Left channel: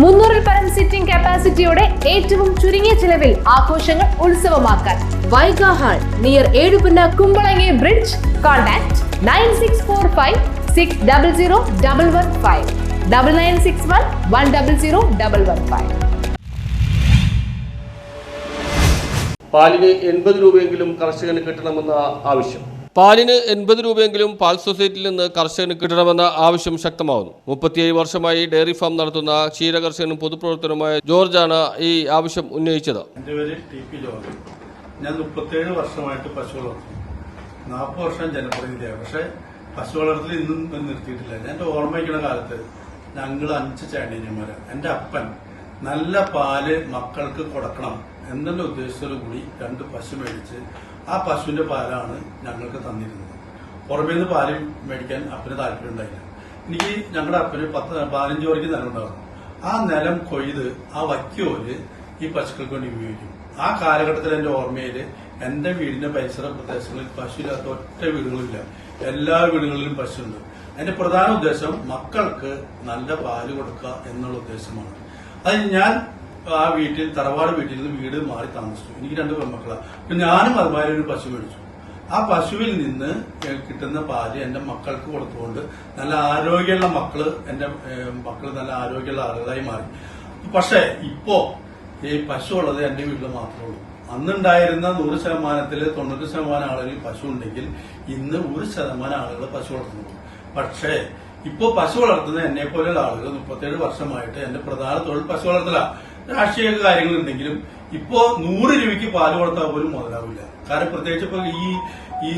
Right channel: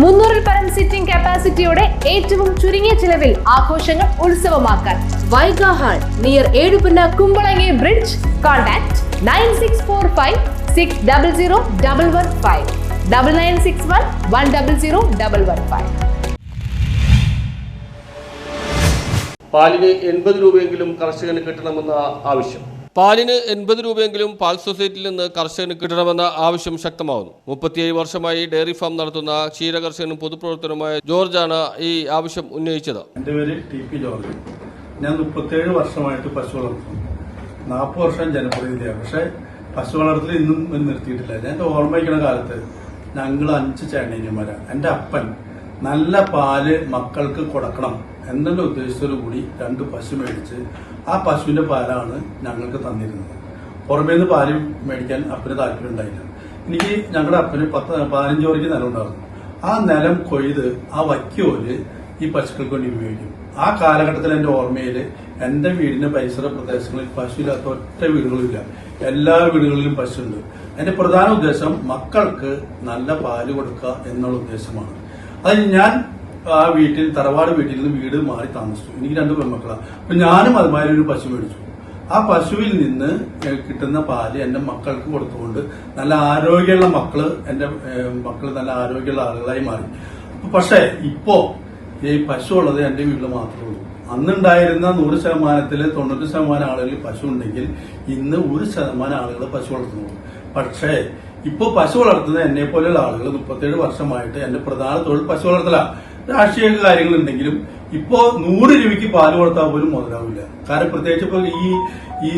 300-ൽ പരം സിറ്റിംഗ് കപ്പാസിറ്റിയോടെ ഏറ്റവും ചുരുങ്ങിയ ചിലവിൽ ആഘോഷങ്ങൾ ഉത്സവമാക്കാൻ Vaiga hall near Ezhupunna Kumbalangi bridge. Contact 9645600115 9961100115. പാലിന് 80 രൂപയെങ്കിലും കർഷകന് കിട്ടണമെന്ന ആവശ്യം. പാലിന് 80 രൂപയെങ്കിലും പാൽ സൊസൈറ്റിയിൽ നിന്ന് കർഷകന് കിട്ടണമെന്ന ആവശ്യം ശക്തമാവുന്നു. 37 വർഷമായി ഡയറി ഫാം നടത്തുന്ന ക്ഷീരകർഷകനും പൊതുപ്രവർത്തനവുമായ ജോർജാണ് ഈ ആവശ്യം ഉന്നയിച്ചത്. എന്റെ പേര് ടി.പി. ജോർജ്. ഞാൻ 37 വർഷമായിട്ട് പശു വളർത്തുന്നു. 40 വർഷം ജനപ്രതിനിധിയാണ്. പക്ഷെ പശു വളർത്തൽ ഇന്നും നിർത്തിയിട്ടില്ല. ഞാൻ ഓർമ്മിക്കുന്ന കാലത്ത് ഞങ്ങൾ 5 ചേട്ടനിയന്മാരാണ്. എന്റെ അപ്പൻ നല്ല പാല് മക്കൾക്ക് കൊടുക്കണം എന്നുള്ള ഉദ്ദേശത്തോടുകൂടി 2 പശു മേടിച്ച് ആ പശുവിന്റെ പാലാണ് ഞങ്ങൾക്ക് തന്നിരുന്നത്. പുറമേ നിന്ന് പാല് മേടിക്കാൻ അപ്പന് താല്പര്യം ഉണ്ടായില്ല. എനിക്ക് ഞങ്ങളുടെ അപ്പന് 15 വരയ്ക്ക് നിലം ഉണ്ടായിരുന്നു. ആ നിലം കൊയ്ത് ആ വയ്ക്കോല് ഈ പശുക്കൾക്ക് വേണ്ടി ഉപയോഗിക്കും. ആ കാലഘട്ടത്തിൽ എന്റെ ഓർമ്മയിൽ എന്റെ വീടിന്റെ പരിസര പ്രദേശങ്ങളിൽ പശുവില്ലാത്ത ഒറ്റ വീടുകളില്ല. എല്ലാ വീടുകളിലും പശുണ്ട്. എന്റെ പ്രധാന ഉദ്ദേശം മക്കൾക്ക് നല്ല പാല് കൊടുക്കുക എന്നുള്ള ഉദ്ദേശമാണ്. അത് ഞാൻ ആ വീട്ടിൽ തറവാട് വീട്ടിൽ നിന്ന് വീട് മാറി താമസിച്ചു. എനിക്ക് 2 പെൺമക്കളാണ്. അപ്പൊ ഞാനും അതുമാതിരി ഒരു പശു മേടിച്ചു. ആ പശുവിൽ നിന്ന് കിട്ടുന്ന പാല് എന്റെ മക്കൾക്ക് കൊടുത്തുകൊണ്ട് നല്ല ആരോഗ്യമുള്ള എന്റെ മക്കള് നല്ല ആരോഗ്യമുള്ള ആളുകളായി മാറി. പക്ഷേ ഇപ്പോ ഈ പശു ഉള്ളത് എന്റെ വീട്ടിൽ മാത്രമേ ഉള്ളൂ. അന്നുണ്ടായിരുന്ന 100%-ൽ 90% ആളുകൾ പശു ഉണ്ടെങ്കിൽ ഇന്ന് 1% ആളുകൾ പശു വളർത്തുന്നു. പക്ഷേ ഇപ്പോ പശു വളർത്തുന്ന എന്നെ പോലെയുള്ള ആളുകൾ 37 വർഷമായിട്ട് എന്റെ പ്രധാന തൊഴിൽ പശു വളർത്തല. രാഷ്ട്രീയ കാര്യങ്ങളുണ്ടെങ്കിലും ഇപ്പോ 100 രൂപയ്ക്ക് പാല് കൊടുത്താൽ പോലും മുതലാവില്ല. കാരണം പ്രത്യേകിച്ച് ഇപ്പോൾ ഈ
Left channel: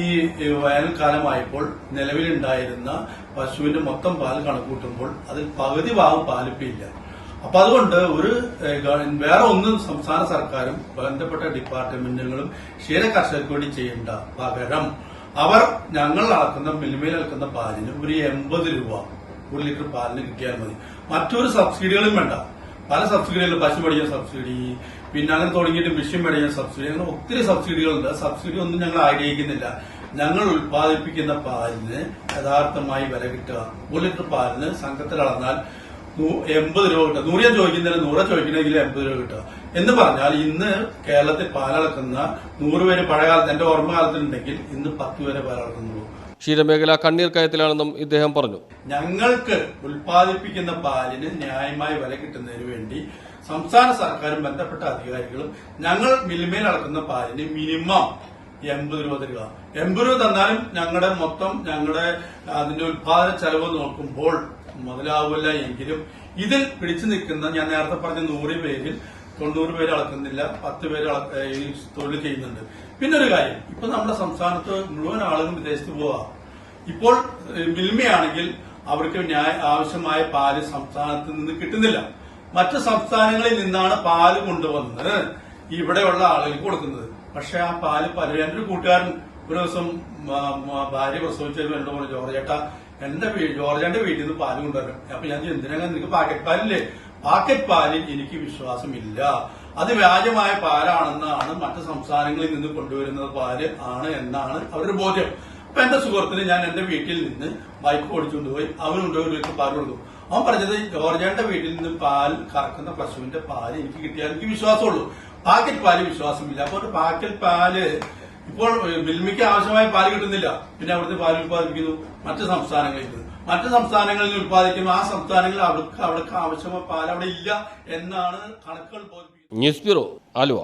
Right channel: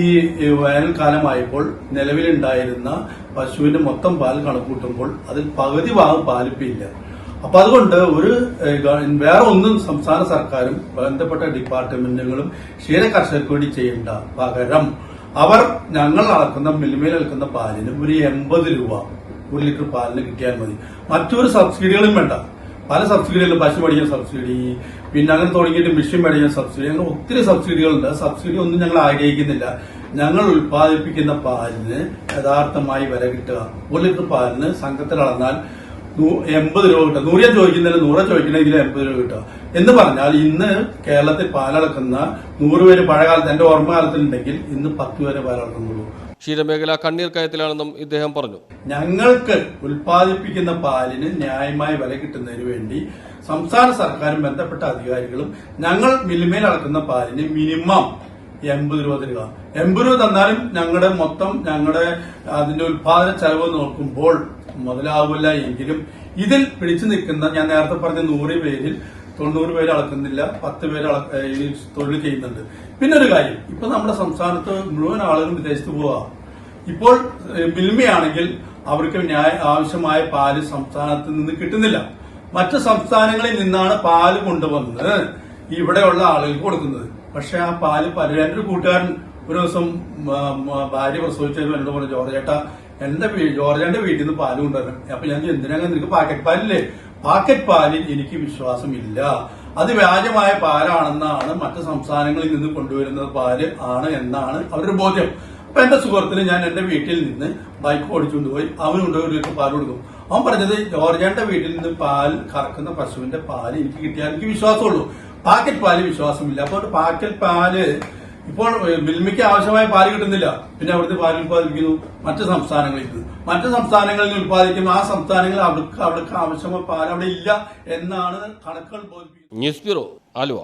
വേനൽക്കാലമായപ്പോൾ നിലവിലുണ്ടായിരുന്ന പശുവിന്റെ മൊത്തം പാൽ കണക്കൂട്ടുമ്പോൾ അതിൽ പകുതി ഭാഗം പാലിപ്പില്ല. അപ്പൊ അതുകൊണ്ട് വേറെ ഒന്നും സംസ്ഥാന സർക്കാരും ബന്ധപ്പെട്ട ഡിപ്പാർട്ട്മെന്റുകളും ക്ഷീര കർഷകർക്ക് വേണ്ടി ചെയ്യേണ്ട. പകരം അവർ ഞങ്ങൾ അളക്കുന്ന മിൽമയിൽ അളക്കുന്ന പാലിന് ഒരു 80 രൂപ 1 ലിറ്റർ പാലിന് കിട്ടിയാൽ മതി. മറ്റൊരു സബ്സിഡികളും വേണ്ട. പല സബ്സിഡികളും പശു മേടിക്കുന്ന സബ്സിഡി, പിന്നെ അങ്ങനെ തുടങ്ങിയിട്ട് മിഷ്യൻ മേടിക്കുന്ന സബ്സിഡി, അങ്ങനെ ഒത്തിരി സബ്സിഡികളുണ്ട്. സബ്സിഡി ഒന്നും ഞങ്ങൾ ആഗ്രഹിക്കുന്നില്ല. ഞങ്ങൾ ഉൽപ്പാദിപ്പിക്കുന്ന പാലിന് യഥാർത്ഥമായി വില കിട്ടുക. 1 ലിറ്റർ പാലിന് സംഘത്തിൽ അളന്നാൽ 80 രൂപ കിട്ടുക. 100 ചോദിക്കുന്നതിന് 100 ചോദിക്കണമെങ്കിൽ 80 രൂപ കിട്ടുക എന്ന് പറഞ്ഞാൽ ഇന്ന് കേരളത്തിൽ പാലളക്കുന്ന 100 പേര് പഴയകാലത്ത് എന്റെ ഓർമ്മകാലത്തിലുണ്ടെങ്കിൽ ഇന്ന് 10 പേര് പാലളക്കുന്നുള്ളൂ. ക്ഷീരമേഖല കണ്ണീർ കയത്തിലാണെന്നും ഇദ്ദേഹം പറഞ്ഞു. ഞങ്ങൾക്ക് ഉൽപ്പാദിപ്പിക്കുന്ന പാലിന് ന്യായമായ വില കിട്ടുന്നതിന് വേണ്ടി സംസ്ഥാന സർക്കാരും ബന്ധപ്പെട്ട അധികാരികളും ഞങ്ങൾ മിൽമയിൽ അളക്കുന്ന പാലിന് മിനിമം 80 രൂപ തരിക. 80 രൂപ തന്നാലും ഞങ്ങളുടെ അതിന്റെ ഉൽപാദന ചെലവ് നോക്കുമ്പോൾ മുതലാവില്ല. എങ്കിലും ഇതിൽ പിടിച്ചു നിൽക്കുന്ന ഞാൻ നേരത്തെ പറഞ്ഞ 100 പേരിൽ 90 പേര് അളക്കുന്നില്ല, 10 പേര് തൊഴിൽ ചെയ്യുന്നുണ്ട്. പിന്നെ ഒരു കാര്യം, ഇപ്പൊ നമ്മുടെ സംസ്ഥാനത്ത് മുഴുവൻ ആളുകളും വിദേശത്ത് പോവാ. ഇപ്പോൾ മിൽമയാണെങ്കിൽ അവർക്ക് ആവശ്യമായ പാല് സംസ്ഥാനത്ത് നിന്ന് കിട്ടുന്നില്ല. മറ്റു സംസ്ഥാനങ്ങളിൽ നിന്നാണ് പാല് കൊണ്ടുവന്ന് ഇവിടെയുള്ള ആളുകൾക്ക് കൊടുക്കുന്നത്. പക്ഷെ ആ പാല് എന്റെ കൂട്ടുകാരൻ ഒരു ദിവസം ഭാര്യ പ്രസവിച്ചതിന് എന്നോട് പറഞ്ഞു, ജോർജേട്ടാ ജോർജാന്റെ വീട്ടിൽ നിന്ന് പാല് കൊണ്ടുവരണം. അപ്പൊ ഞാൻ എന്തിനാ നിനക്ക് പാക്കറ്റ് പാലില്ലേ? പാക്കറ്റ് പാലിൽ എനിക്ക് വിശ്വാസമില്ല. അത് വ്യാജമായ പാലാണെന്നാണ് മറ്റു സംസ്ഥാനങ്ങളിൽ നിന്ന് കൊണ്ടുവരുന്ന പാല് ആണ് എന്നാണ് അവരുടെ ബോധ്യം. അപ്പൊ എന്റെ സുഹൃത്തിന് ഞാൻ എന്റെ വീട്ടിൽ നിന്ന് ബൈക്ക് ഓടിച്ചുകൊണ്ടുപോയി അവന് കൊണ്ടുപോയി 1 ലിറ്റർ പാൽ കൊടുക്കും. അവൻ പറഞ്ഞത് ജോർജാന്റെ വീട്ടിൽ നിന്ന് പാൽ കറക്കുന്ന പശുവിന്റെ പാല് എനിക്ക് കിട്ടിയാൽ എനിക്ക് വിശ്വാസമുള്ളൂ, പാക്കറ്റ് പാല് വിശ്വാസമില്ല. അപ്പോൾ പാക്കറ്റ് പാല് ഇപ്പോൾ മിൽമയ്ക്ക് ആവശ്യമായ പാല് കിട്ടുന്നില്ല. പിന്നെ അവിടുത്തെ പാല് ഉൽപ്പാദിപ്പിക്കുന്നു മറ്റു സംസ്ഥാനങ്ങളിൽ ഉൽപ്പാദിക്കും. ആ സംസ്ഥാനങ്ങളിൽ അവർക്ക് ആവശ്യമായ പാൽ അവിടെ ഇല്ല എന്നാണ് കണക്കുകൾ ബോധിപ്പിക്കുന്നത്. News bureau, Aluva.